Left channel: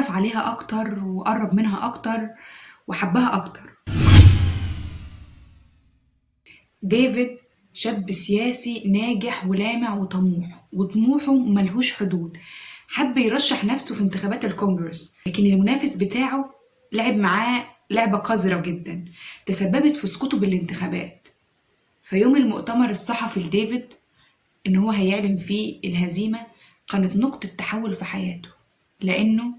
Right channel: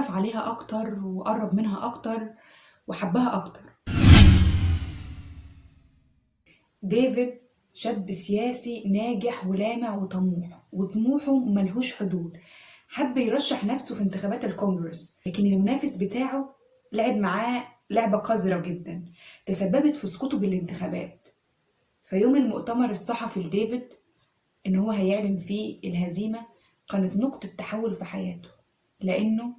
اتعرف عليها أكتر وقرب منها أكتر وحبها أكتر. ديفيد شاب سياسي ناجح ولامع وطموح، وطموحه ملهوش حدود. حب يرشح نفسه في انتخابات الكونجرس، لكن المنافس بتاعه لعب معاه لعبة قذرة جدا تسببت في سقوطه بالانتخابات. فيوم المؤتمر الصحفي لديفيد إن هو هيعلن فيه الهزيمة كانت نقطة تحول في حياته، لأنه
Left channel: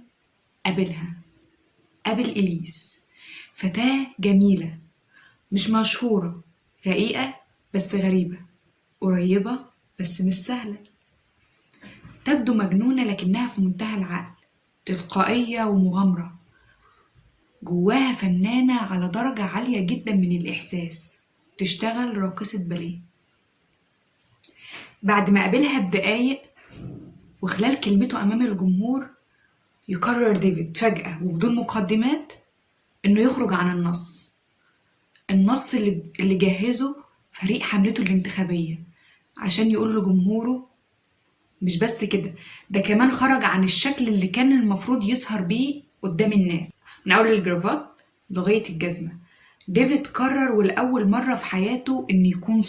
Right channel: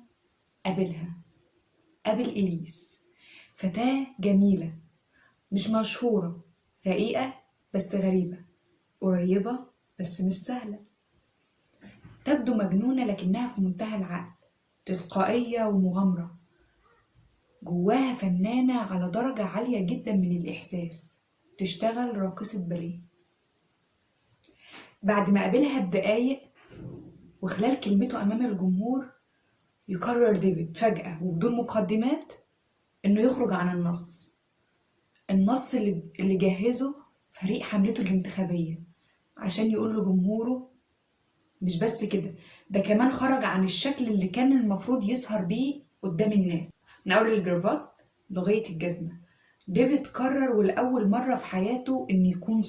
قابل إليس، فتاة جميلة مش مشهورة، رقيقة بس غريبة، قريبة بس مش سهلة، تبدو مجنونة لكنها في منتهى العقل، تلقائية ومغامرة، جواها فنانة على درجة عالية جدا من الإحساس، تشتغل راقصة باليه. بعد ما قابلها بدقايق وخلال كلمته أمام الجمهور يقرر ديفيد فجأة وبدون مقدمات إنه يخرج عن النص اللي جهزه فريق حملته الانتخابية عشان يقول لجمهوره. مش بس كده، ده كمان خرج عن الشكل اللي كان المفروض يظهر بيه قدام الناس، من أول الجرافات لغاية الجزمة. ديفيد قرر ولأول مرة في حياته إنه يكون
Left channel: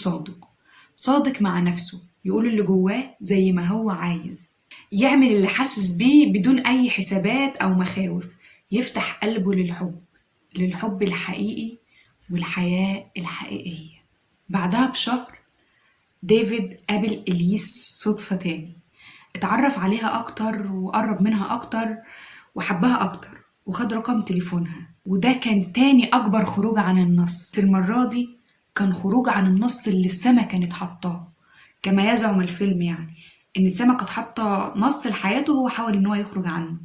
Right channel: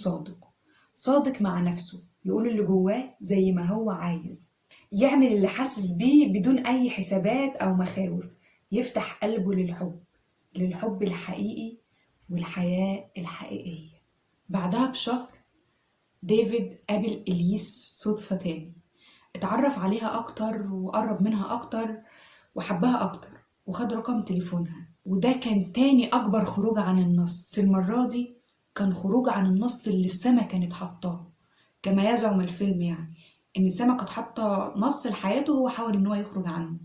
صادق مع نفسه، يقول اللي جواه زي ما هو عايز، يعمل اللي حاسس بيه بدون أي حسابات أو مخاوف، يفتح قلبه للحب الحقيقي والحياة الحقيقية. بعدها بشهر ديفيد قابل إليس صدفة تاني، اتعرف عليها أكتر وقرب منها أكتر وحبها أكتر وخد رقم تليفونها. وده كان تاني أكبر خروج عن النص، المرة دي كان خروج عن النص اللي السما كانت حاطاه، كما يزعم الفيلم يعني إن السما كانت حاطة نص لحياته هو حاول إن هو يخرج عنه،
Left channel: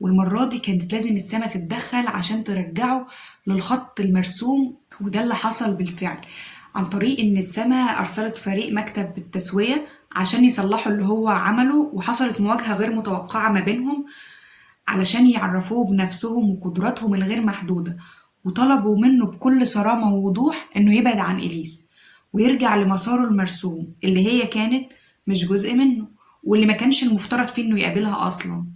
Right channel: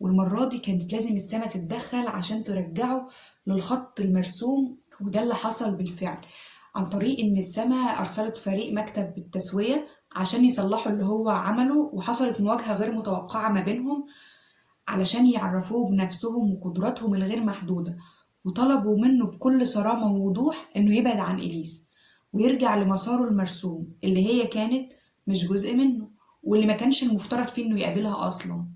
والمرة دي كانت لازم السما تتدخل عشان ترجعه للخط المرسوم. وده اللي حصل بالفعل عن طريق إن السما أرسلت فريق مكتب التسوية عشان يصلحوا اللي هو عمله، وحصلت مواجهة غير متوقعة ما بينهم علشان يعرفوه بنفسهم وقدراتهم الغير محدودة، وطلبوا منه بكل صرامة ووضوح إنه يبعد عن إليس ويرجع لمساره المرسوم اللي هي كانت مش جزء منه، واللي ما كانش المفترض فيه إنه يقابلها أصلا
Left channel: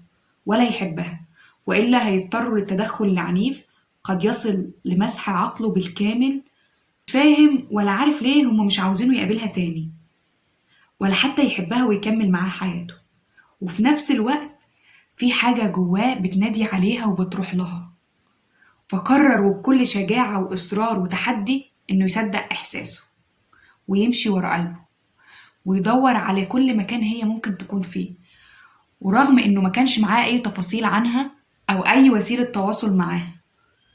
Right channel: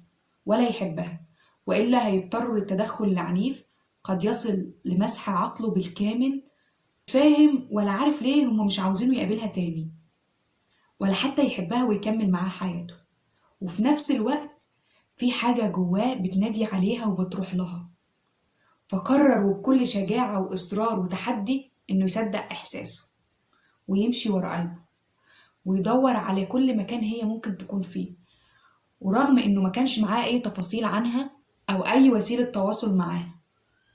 ولا يحبها، وإلا هيضطروا للتدخل العنيف قد يصل لمسح عقله بالكامل. مش فاهم ولا عارف ليه هما مش عاوزينه يقابلها تاني ولا حتى يحبها ويكمل معاها حياته، وفي نفس الوقت في حاجة جواه بتنادي عليها وبتروح لها. فقرر وبكل شجاعة وإصرار وتحدي إنه يصدق إحساسه ويمشي ورا قلبه ويدور على كل مكان هي ممكن تكون فيه، ورغم إنه ما كانش معاه أي تفاصيل عنها أو أي وسيلة تواصل معاها.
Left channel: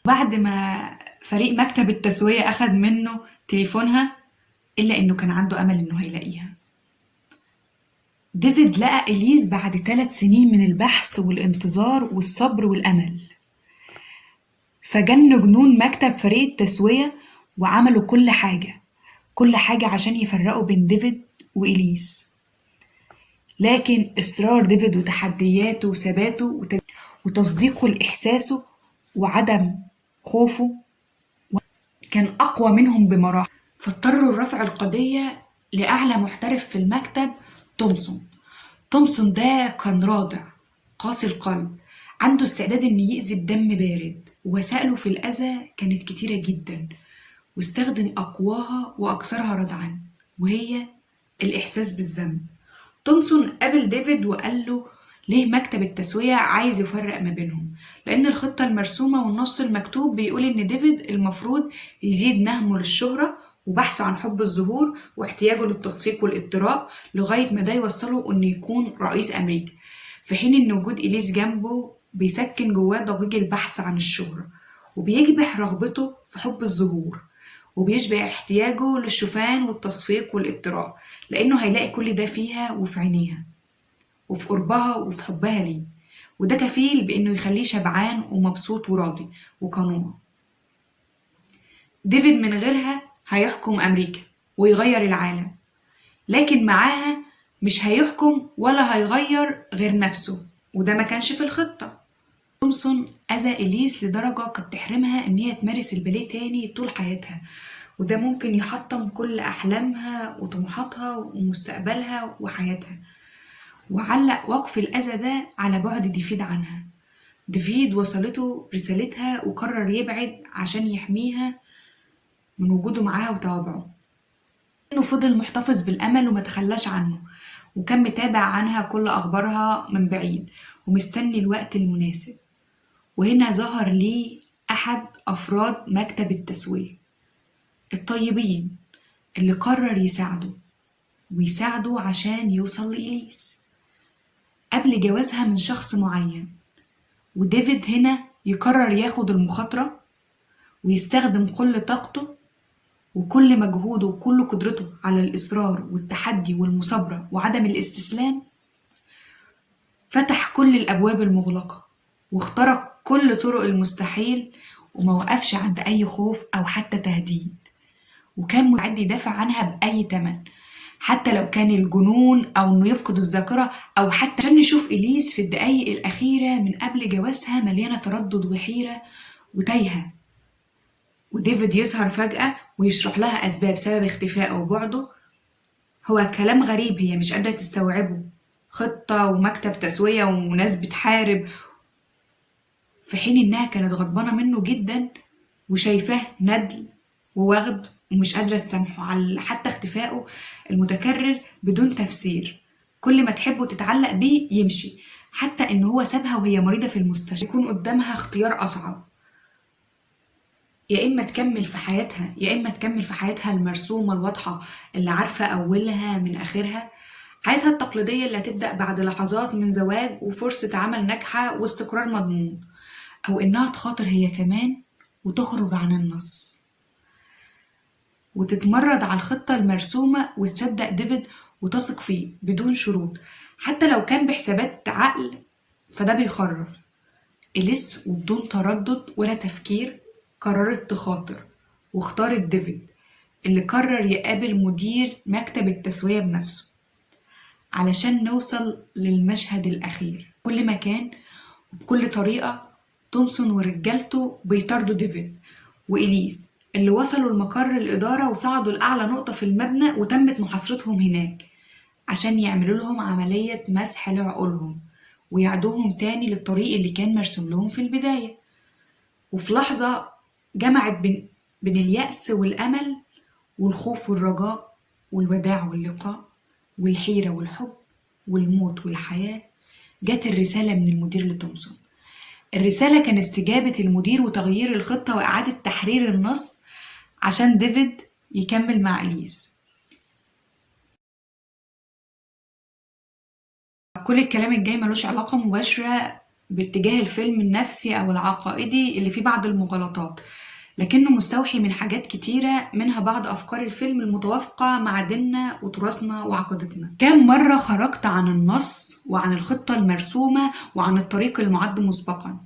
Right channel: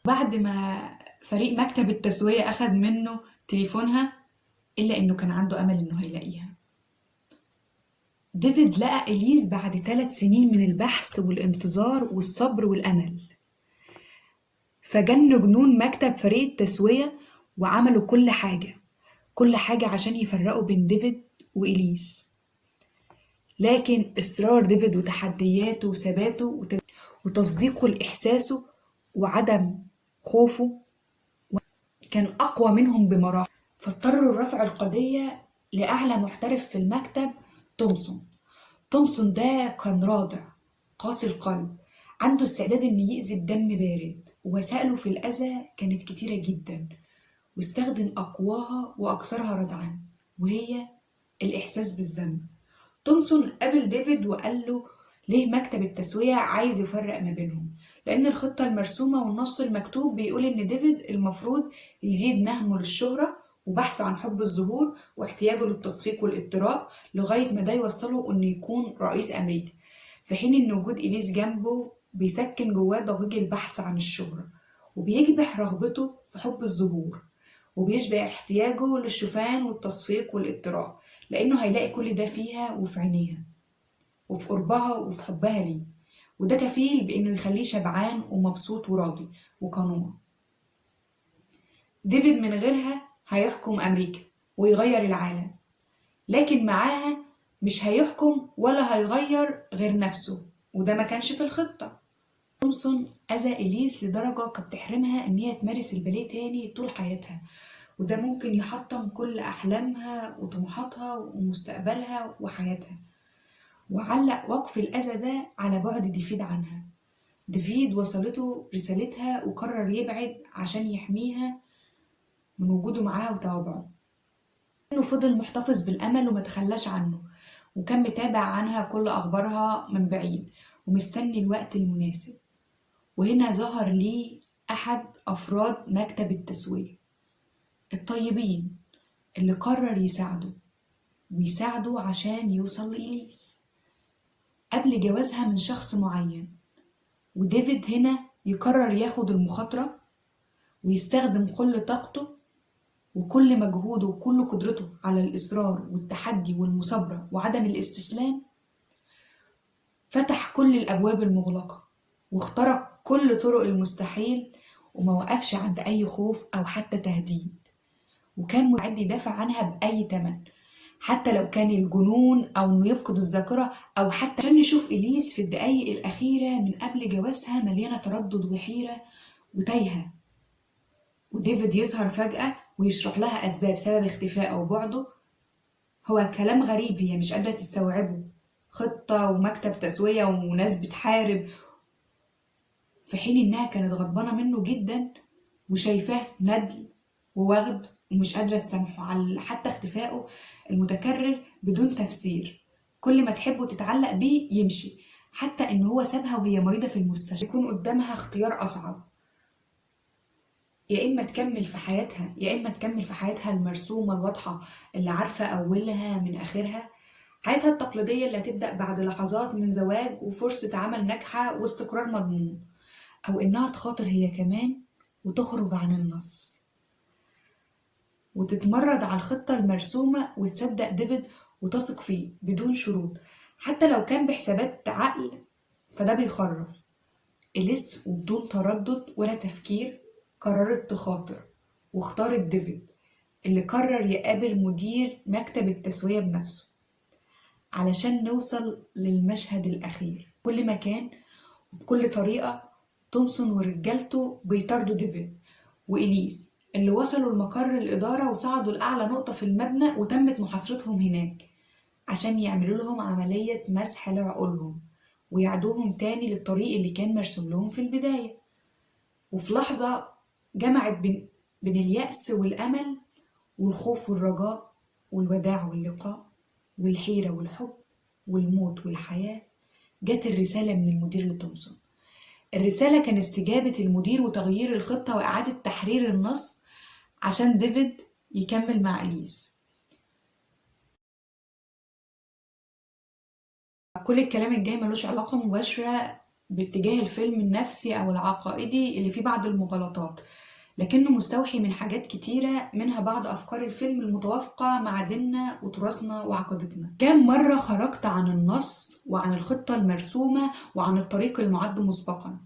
بعد ما فريق مكتب التسوية أخد منه تليفونها، إلا إنه كان عنده أمل إنه هيلاقيها. ديفيد لقى إليس بعد 3 سنين من البحث والانتظار والصبر والأمل، فجن جنون مكتب فريق التسوية وعملوا كل حاجة عشان يفرقوا بين ديفيد وإليس. لكن إصرار ديفيد وتحدياته وثباته وتصديقه لإحساسه وعدم خوفه كان أقوى منهم بمراحل، فاضطروا لرفع القضية لأعلى محترف في المكتب، تومسون ده كان رادع قاسي القلب، عنده استعداد إنه يأذي بدم بارد، ووسائله في الأذى كانت كتيرة جدا، واستخدم أقواها وأكثرها ردعا وهي الإحساس بالذنب. تومسون قابل ديفيد وقال له ليه مكتب التسوية عايز يفرق ما بينهم، لأن الخطة المرسومة والنص المكتوب بيقول إن ديفيد المفروض يزيد نهمه للشهرة وبحثه عن حب الظهور واحتياجه للتصفيق والاطراء لغاية ما ده يوصله إنه يكون رئيس أمريكا، في حين إن وجود إليس جنبه بيسكن جواه ضجيج البحث عن الشهرة وبيكبح رغبته في حب الظهور، وبيشبع احتياجه للشوفان والتصفيق والاطراء، لأنه هيلاقي كل ده فيها وفي عينيها وفي قربها وفي حبها ليه، وده كفيل بإنه يخليه شبعان ومبسوط وراضي وقنوع. ديفيد من غيرها هيحكم أمريكا ويغير العالم، لكن معاها مش هيحكم ولا هيغير غير نفسه، وده ما كانش في الخطة. تومسون أذى إليس لدرجة قد تحرمها إن هي تمارس الباليه تاني طول حياتها، وده ممكن يحطم كل أحلامها وطموحاتها ومستقبلها وحياتها، وعلق وقف الأذى ده على بعد ديفيد عنها. ديفيد وصلته رسالتها وقرر يبعد عشان يحميها من وجوده معاها وتوابعه. إنه فضل محتفظ بالأمل وما تخلاش عنه، وكان متابع عنها كل أخبارها من بعيد ومستني الوقت المناسب. وهنا ظهر ليه أحد أفراد مكتب التسوية الطيبين اللي قرر يساعده عشان يوصل لإليس قبل جوازها من شخص معين. وديفيد هنا يقرر ياخد المخاطرة ويستخدم كل طاقته وكل مجهوده وكل قدرته على الإصرار والتحدي والمثابرة وعدم الاستسلام. فتح كل الأبواب المغلقة واخترق كل طرق المستحيل وما وقفش عند أي خوف أو حتى تهديد، وكان مستعد يدافع عنها بأي تمن، حتى لو كان الجنون أو إنه يفقد الذاكرة، أو حتى عشان نشوف إليس في الدقايق الأخيرة من قبل جوازها مليانة تردد وحيرة وتايهة. وديفيد يظهر فجأة ويشرح لها أسباب سبب اختفائه وبعده. هو كلام غريب هي مش قادرة تستوعبه، خطة ومكتب تسوية وناس بتحارب، في حين إنها كانت غضبانة منه جدا وشايفاه ندل ووغد ومش قادرة تسامحه على حتى اختفائه المتكرر بدون تفسير. كل ما تحبه تتعلق بيه يمشي، حتى إن هو سابها وهي مريضة في المستشفى. يكون قدامها اختيار أصعب، يا إما تكمل في حياتها يا إما تكمل في حياتها المرسومة الواضحة اللي عارفة أولها من آخرها، حياتها التقليدية اللي هتبدأ بعد لحظات من زواج وفرصة عمل ناجحة واستقرار مضمون، أو إنها تخاطر هي كمان وتخرج عن النص وتتمرد على الخطة المرسومة وتصدق ديفيد وتثق فيه بدون شروط، حتى لو كان بحسابات عقل فده بيخرف. إليس وبدون تردد ولا تفكير قررت تخاطر، واختارت ديفيد اللي قرر يقابل مدير مكتب التسوية بنفسه علشان نوصل للمشهد الأخير. كل مكان وبكل طريقة تومسون ورجالته بيطاردوا ديفيد وإليس اللي وصلوا لمقر الإدارة وصعدوا لأعلى نقطة في المبنى، وتمت محاصرتهم هناك عشان يعملوا لهم عملية مسح لعقولهم ويعدوهم تاني للطريق اللي كان مرسوم لهم في البداية. وفي لحظة جمعت بين اليأس والأمل والخوف والرجاء والوداع واللقاء والحيرة والحب والموت والحياة، جت الرسالة من المدير لتومسون. الرسالة كان استجابة المدير وتغيير الخطة وإعادة تحرير النص عشان ديفيد يكمل مع إليس. كل الكلام الجاي ملوش علاقة مباشرة باتجاه الفيلم النفسي أو العقائدي اللي فيه بعض المغالطات، لكنه مستوحي من حاجات كتيرة، منها بعض أفكار الفيلم المتوافقة مع ديننا وتراثنا وعقيدتنا. كم مرة خرجت عن النص وعن الخطة المرسومة وعن الطريق المعد مسبقا،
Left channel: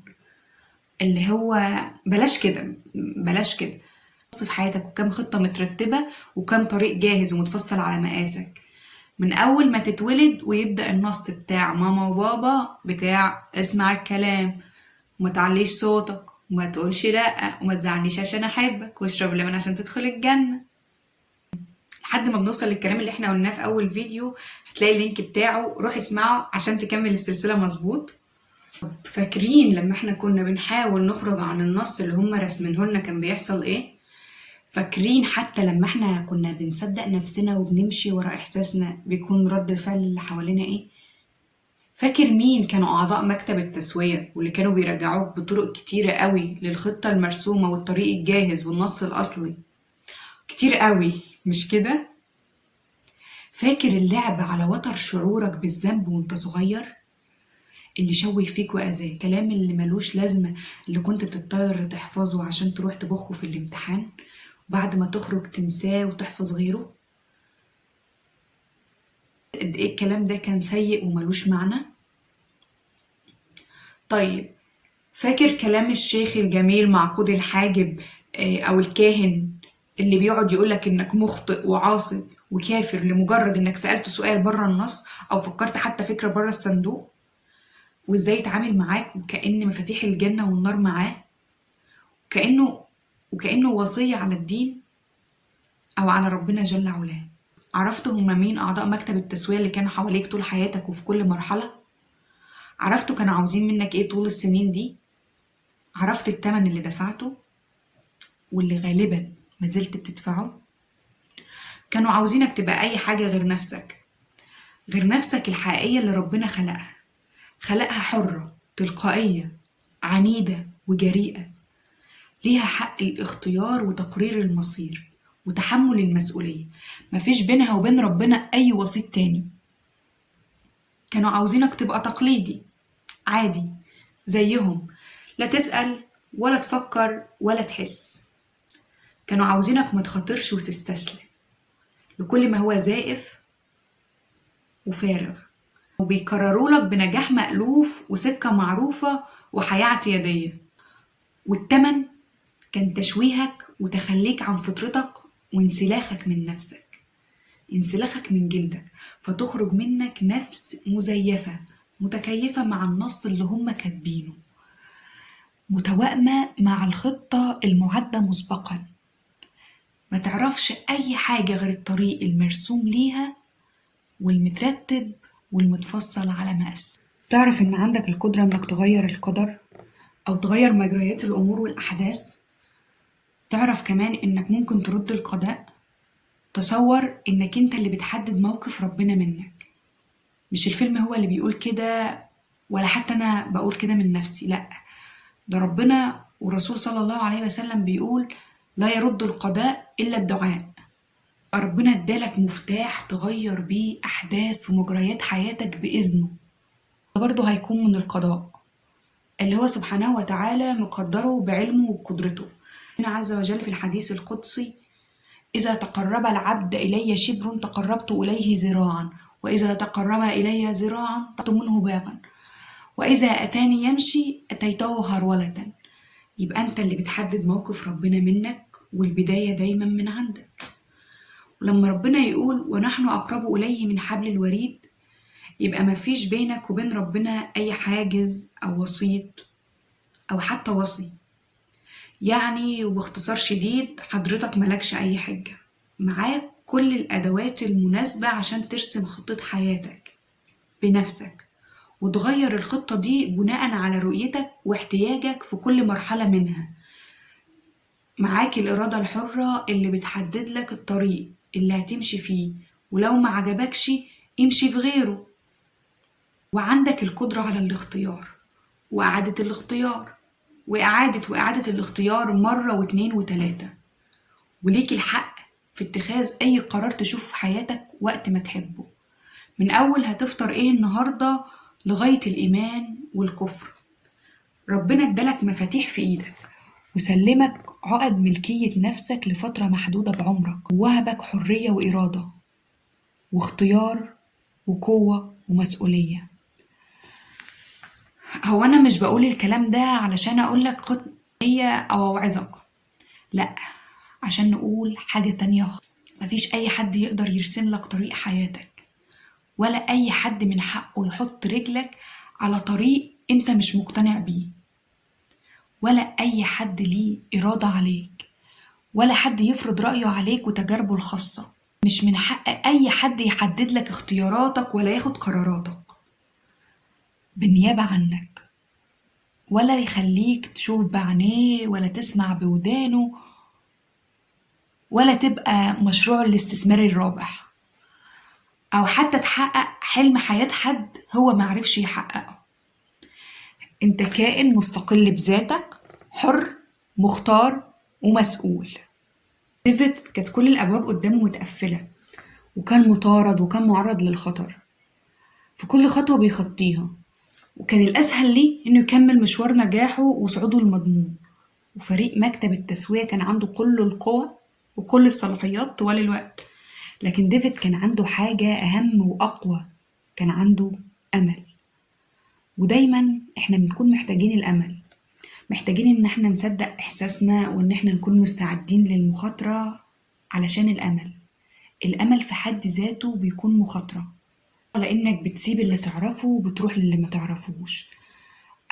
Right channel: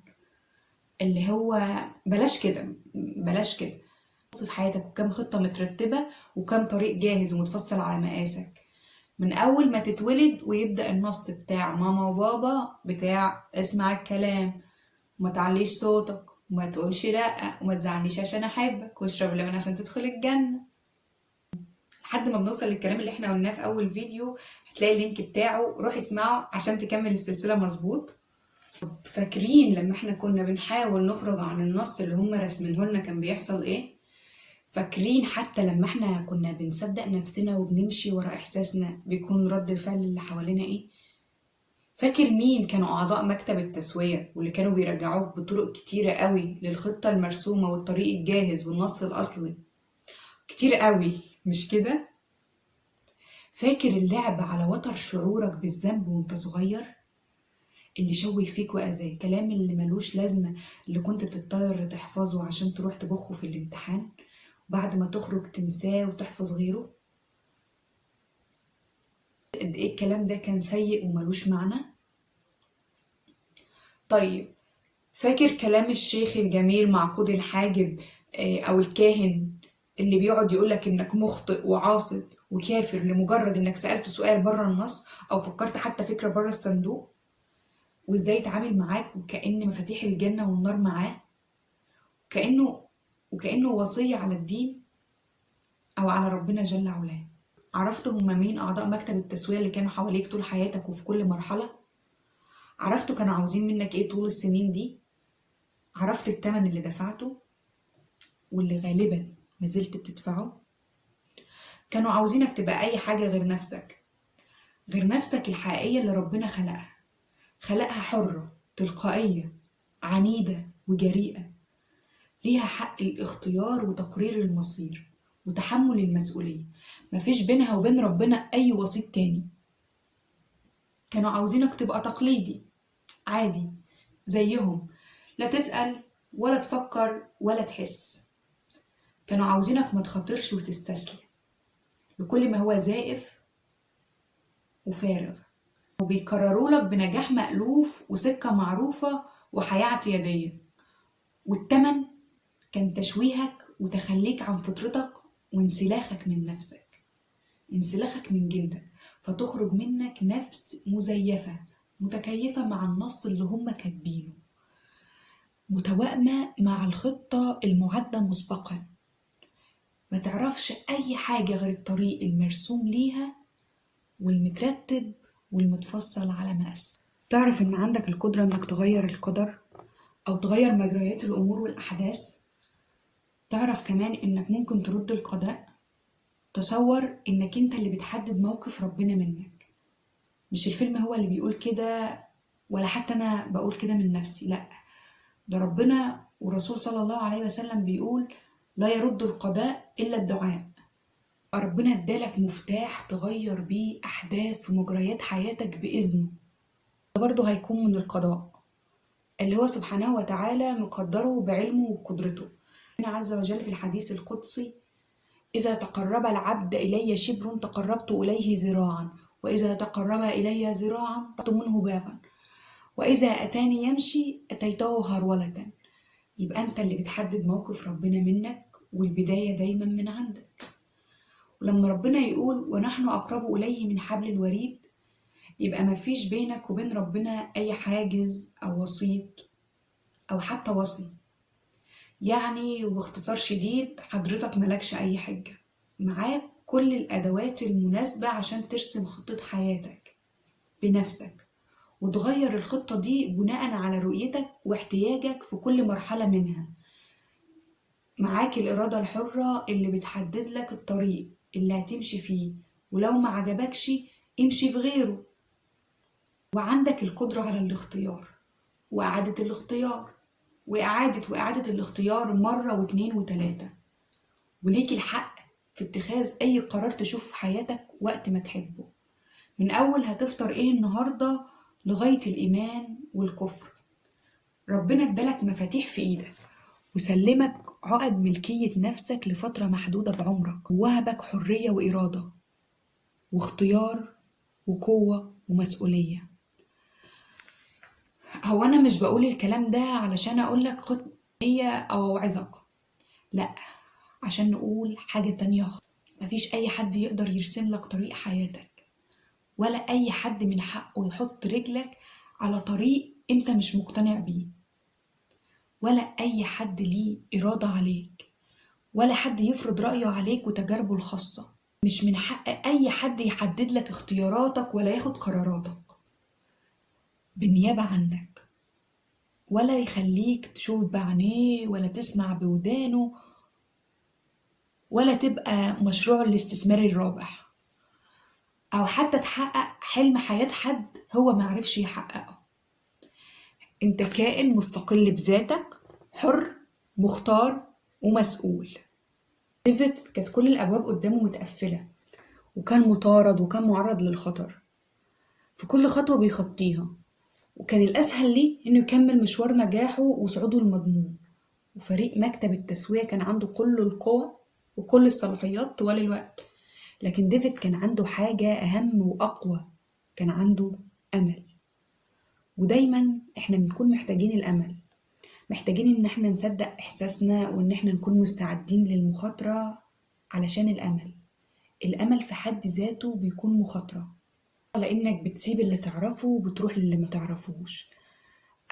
اللي هو بلاش كده في حياتك، وكم خطة مترتبة وكم طريق جاهز ومتفصل على مقاسك من أول ما تتولد، ويبدأ النص بتاع ماما وبابا بتاع اسمع الكلام وما تعليش صوتك وما تقولش لأ وما تزعلنيش عشان أحبك واشرب لبن عشان تدخل الجنة، لحد ما بنوصل للكلام اللي احنا قلناه في أول فيديو. هتلاقي اللينك بتاعه، روح اسمعه عشان تكمل السلسلة مظبوط. فاكرين لما احنا كنا بنحاول نخرج عن النص اللي هم رسمينه لنا كان بيحصل ايه؟ فاكرين حتى لما احنا كنا بنصدق نفسنا وبنمشي ورا احساسنا بيكون رد الفعل اللي حوالينا ايه؟ فاكر مين كانوا اعضاء مكتب التسوية واللي كانوا بيرجعوك بطرق كتيرة قوي للخطة المرسومة والطريق الجاهز والنص الاصلي؟ كتير قوي مش كده؟ فاكر اللعب على وتر شعورك بالذنب وانت صغير اللي شوه فيك وأذاك، كلام اللي ملوش لازمة اللي كنت بتضطر تحفظه عشان تروح تبخه في الامتحان وبعد ما تخرج تنساه وتحفظ غيره؟ قد ايه الكلام ده كان سيء وملوش معنى؟ طيب فاكر كلام الشيخ الجميل معقود الحاجب او الكاهن اللي بيقعد يقولك انك مخطئ وعاصي وكافر لمجرد انك سألت سؤال بره النص او فكرت حتى فكرة بره الصندوق، وازاي يتعامل معاك وكأن مفاتيح الجنة والنار معاه، وكأنه وصية على الدين أو على ربنا جل علاه؟ عرفت هما مين أعضاء مكتب التسوية اللي كانوا حواليك طول حياتك وفي كل مرحلة؟ عرفتوا كانوا عاوزين منك ايه طول السنين دي؟ عرفت التمن اللي دفعته واللي غالبا ما زلت بتدفعه؟ كانوا عاوزينك تبقى اي حاجة غير نفسك، غير نفسك الحقيقية اللي ربنا خلقها حرة تلقائية عنيدة وجريئة، ليها حق الاختيار وتقرير المصير وتحمل المسؤولية، مفيش بينها وبين ربنا أي وسيط تاني. كانوا عاوزينك تبقى تقليدي عادي زيهم، لا تسأل ولا تفكر ولا تحس. كانوا عاوزينك ما تخاطرش وتستسلم لكل ما هو زائف وفارغ، وبيكرروا لك بنجاح مألوف وسكة معروفة وحياة اعتيادية، والتمن كان تشويهك وتخليك عن فطرتك وانسلاخك من نفسك، انسلاخك من جلدك، فتخرج منك نفس مزيفة متكيفة مع النص اللي هم كاتبينه، متوائمة مع الخطة المعدة مسبقا، ما تعرفش أي حاجة غير الطريق المرسوم ليها والمترتب والمتفصل على مقاس. تعرف إن عندك القدرة إنك تغير القدر أو تغير مجريات الأمور والأحداث؟ تعرف كمان إنك ممكن ترد القضاء؟ تصور إنك أنت اللي بتحدد موقف ربنا منك، مش الفيلم هو اللي بيقول كده ولا حتى أنا بقول كده من نفسي، لأ، ده ربنا والرسول صلى الله عليه وسلم بيقول لا يرد القضاء إلا الدعاء. ربنا ادالك مفتاح تغير بيه أحداث ومجريات حياتك بإذنه، ده برضه هيكون من القضاء اللي هو سبحانه وتعالى مقدره بعلمه وقدرته. ربنا عز وجل في الحديث القدسي إذا تقرب العبد إلي شبر تقربت إليه ذراعا، وإذا تقرب إلي ذراعا قطعت منه باغا، وإذا أتاني يمشي أتيته هرولة. يبقى أنت اللي بتحدد موقف ربنا منك، والبداية دايما من عندك. ولما ربنا يقول ونحن أقرب إليه من حبل الوريد، يبقى مفيش بينك وبين ربنا أي حاجز أو وسيط أو حتى وصي. يعني وباختصار شديد حضرتك ملكش أي حجة، معاك كل الأدوات المناسبة عشان ترسم خطة حياتك بنفسك وتغير الخطة دي بناء على رؤيتك واحتياجك في كل مرحلة منها. معاك الإرادة الحرة اللي بتحدد لك الطريق اللي هتمشي فيه، ولو ما عجبكش امشي في غيره. وعندك القدرة على الاختيار وإعادة الاختيار وإعادة الاختيار مرة واتنين وتلاتة، وليك الحق في اتخاذ أي قرار تشوف في حياتك وقت ما تحبه، من أول هتفطر إيه النهاردة لغاية الإيمان والكفر. ربنا ادالك مفاتيح في إيدك وسلمك عقد ملكية نفسك لفترة محدودة بعمرك، ووهبك حرية وإرادة واختيار وقوة ومسؤولية. هو أنا مش بقول الكلام ده علشان أقولك خد نية أو أوعظك، لأ، عشان نقول حاجة تانية. مفيش أي حد يقدر يرسم لك طريق حياتك، ولا أي حد من حقه يحط رجلك على طريق أنت مش مقتنع بيه، ولا أي حد ليه إرادة عليك، ولا حد يفرض رأيه عليك وتجاربه الخاصة. مش من حق أي حد يحدد لك اختياراتك ولا ياخد قراراتك بالنيابة عنك، ولا يخليك تشوف بعينيه ولا تسمع بودانه، ولا تبقى مشروع الاستثمار الرابح، أو حتى تحقق حلم حياة حد هو معرفش يحققه. انت كائن مستقل بذاتك، حر مختار ومسؤول. ديفيد كانت كل الأبواب قدامه متقفلة، وكان مطارد وكان معرض للخطر في كل خطوة بيخطيها، وكان الأسهل ليه إنه يكمل مشوار نجاحه وصعوده المضمون. وفريق مكتب التسوية كان عنده كل القوة وكل الصلاحيات طوال الوقت، لكن ديفيد كان عنده حاجة أهم وأقوى، كان عنده أمل. ودايما إحنا بنكون محتاجين الأمل، محتاجين إن إحنا نصدق إحساسنا وإن إحنا نكون مستعدين للمخاطرة، علشان الأمل في حد ذاته بيكون مخاطرة، لأنك بتسيب اللي تعرفه وبتروح للي ما تعرفوش،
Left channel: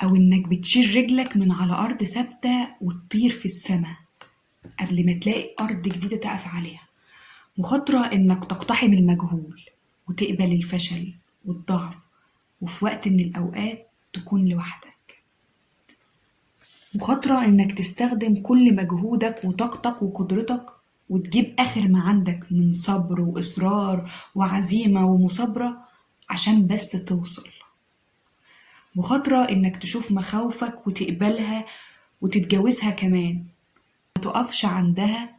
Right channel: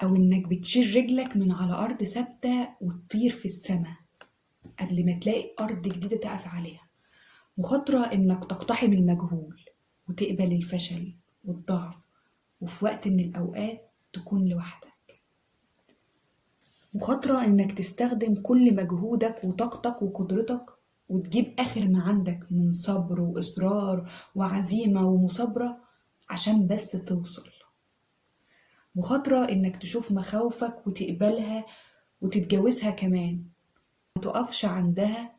أو إنك بتشيل رجلك من على أرض ثابتة وتطير في السماء قبل ما تلاقي أرض جديدة تقف عليها. مخاطرة إنك تقتحم المجهول وتقبل الفشل والضعف، وفي وقت من الأوقات تكون لوحدك. مخاطرة إنك تستخدم كل مجهودك وطاقتك وقدرتك وتجيب آخر ما عندك من صبر وإصرار وعزيمة ومثابرة عشان بس توصل. مخاطرة إنك تشوف مخاوفك وتقبلها وتتجاوزها كمان، ما تقفش عندها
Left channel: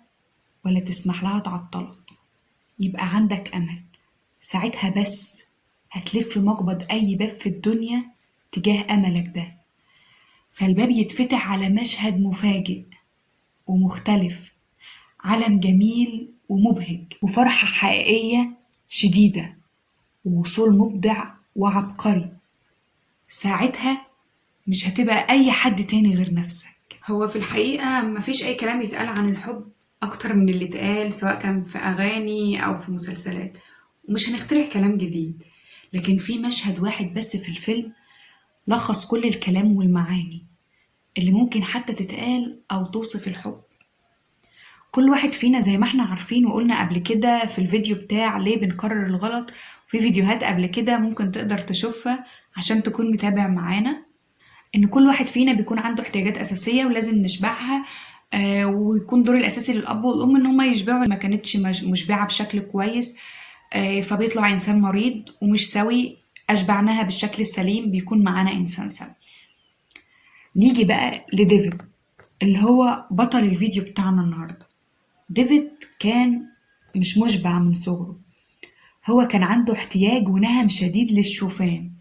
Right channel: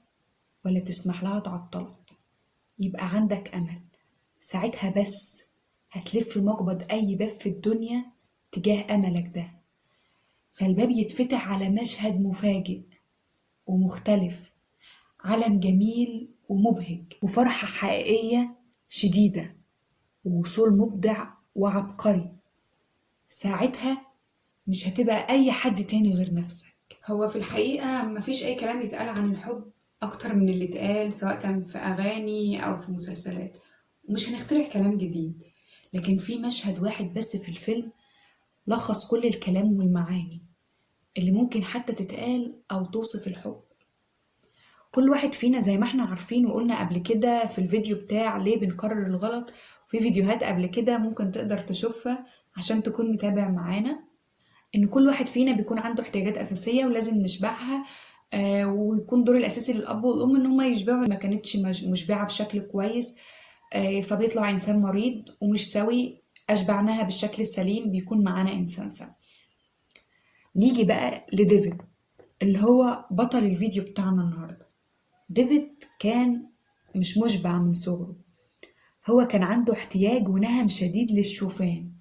ولا تسمح لها تعطلك. يبقى عندك أمل، ساعتها بس هتلف مقبض أي باب في الدنيا تجاه أملك ده، فالباب يتفتح على مشهد مفاجئ ومختلف، عالم جميل ومبهج وفرحة حقيقية شديدة ووصول مبدع وعبقري. ساعتها مش هتبقى أي حد تاني غير نفسك. هو في الحقيقة مفيش أي كلام يتقال عن الحب أكتر من اللي اتقال، سواء كان في أغاني أو في مسلسلات، ومش هنخترع كلام جديد، لكن في مشهد واحد بس في الفيلم لخص كل الكلام والمعاني اللي ممكن حتى تتقال أو توصف الحب. كل واحد فينا زي ما احنا عارفين وقلنا قبل كده في الفيديو بتاع ليه بنكرر الغلط، وفي فيديوهات قبل كده ممكن تقدر تشوفها عشان تكون متابع معانا، إن كل واحد فينا بيكون عنده احتياجات أساسية ولازم نشبعها، ويكون دور الأساسي للأب والأم إن هما يشبعوا ما كانتش مشبعة بشكل كويس، فبيطلع إنسان مريض ومش سوي. أشبعناها بالشكل السليم بيكون معانا إنسان سوي. نيجي بقى لديفيد اللي هو بطل الفيديو بتاعنا النهاردة. ديفيد كان مش مشبع من صغره، هو كان عنده احتياج ونهم شديد للشوفان،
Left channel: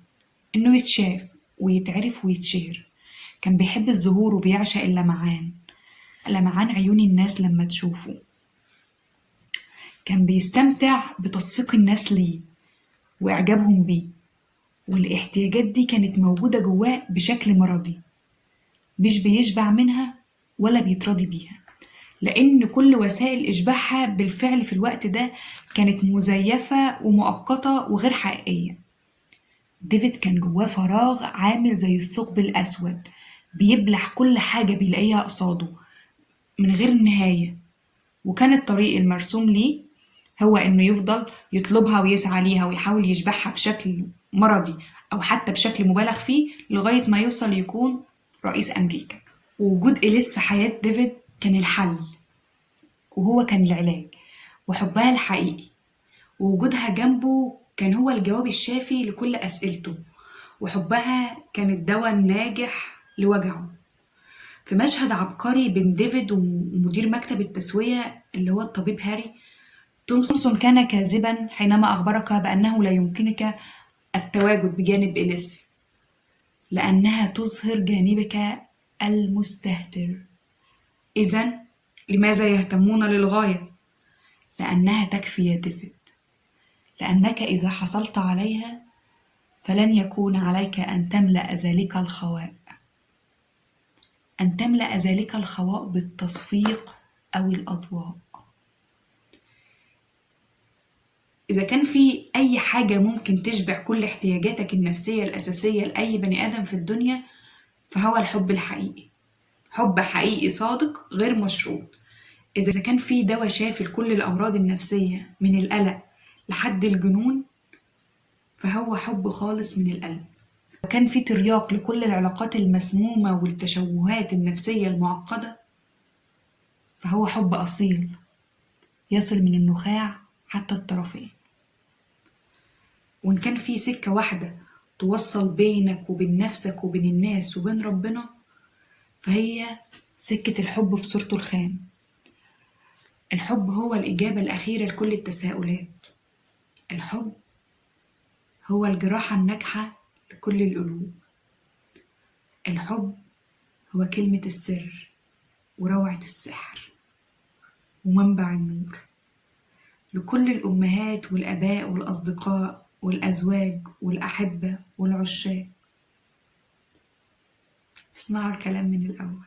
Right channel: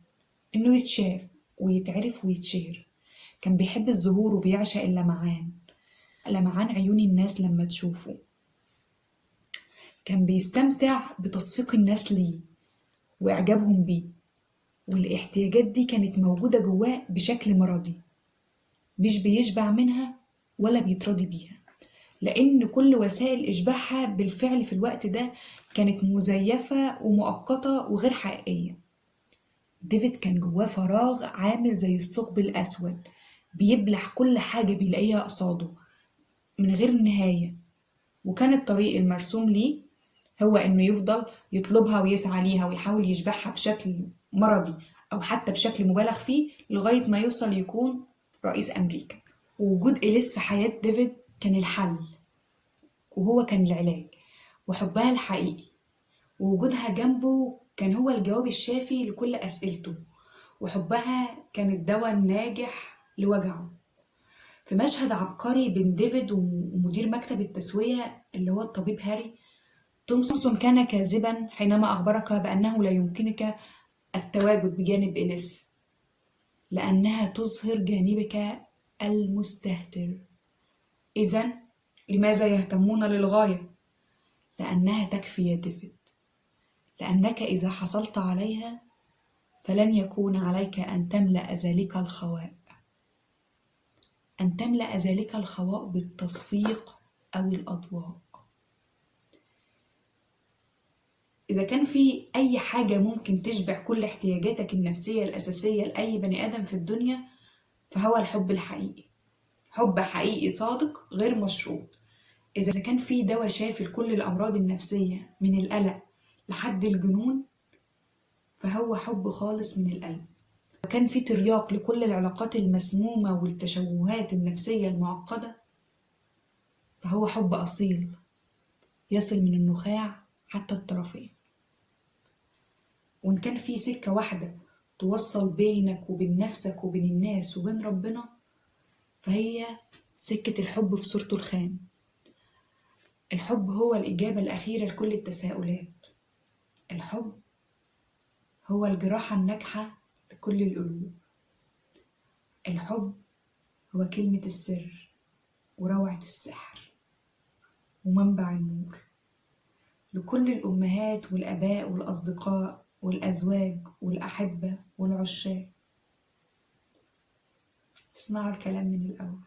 إنه يتشاف ويتعرف ويتشير. كان بيحب الظهور وبيعشق اللمعان، لمعان عيون الناس لما تشوفه. كان بيستمتع بتصفيق الناس ليه وإعجابهم بيه، والاحتياجات دي كانت موجودة جواه بشكل مرضي، مش بيشبع منها ولا بيتراضي بيها، لأن كل وسائل إشباعها بالفعل في الوقت ده كانت مزيفة ومؤقتة وغير حقيقية. ديفيد كان جواه فراغ عامل زي الثقب الأسود بيبلع كل حاجة بيلاقيها قصاده من غير نهاية، وكان الطريق المرسوم ليه هو إنه يفضل يطلبها ويسعى ليها ويحاول يشبعها بشكل مرضي أو حتى بشكل مبالغ فيه لغاية ما يوصل يكون رئيس أمريكا. ووجود إليس في حياة ديفيد كان الحل، وهو كان العلاج، وحبها الحقيقي، ووجودها جنبه كان هو الجواب الشافي لكل أسئلته، وحبها كان الدواء الناجح لوجعه. في مشهد عبقري بين ديفيد ومدير مكتب التسوية اللي هو الطبيب هاري، تومسون كان كاذبا حينما أخبرك بأنه لا يمكنك التواجد بجانب إليس لأنها تظهر جانبك المستهتر. إذن لماذا يهتمون للغاية؟ لأنها تكفي يا ديفيد، لأنك إذا حصلت عليها فلن يكون عليك أن تملأ ذلك الخواء، أن تملأ ذلك الخواء بالتصفيق أو الأضواء. إذا كان في أي حاجة ممكن تشبع كل احتياجاتك النفسية الأساسية لأي بني آدم في الدنيا فهو الحب الحقيقي، حب حقيقي صادق غير مشروط. إذا كان في دواء شافي لكل الأمراض النفسية من القلق لحد الجنون فهو حب خالص من القلب. وكان في ترياق لكل العلاقات المسمومة والتشوهات النفسية المعقدة فهو حب أصيل يصل من النخاع حتى الطرفين. وإن كان في سكة واحدة توصل بينك وبين نفسك وبين الناس وبين ربنا فهي سكة الحب في صورته الخام. الحب هو الإجابة الأخيرة لكل التساؤلات، الحب هو الجراحة الناجحة لكل القلوب، الحب هو كلمة السر وروعة السحر ومنبع النور لكل الأمهات والآباء والأصدقاء والأزواج والأحبة والعشاق. اسمعوا الكلام من الأول.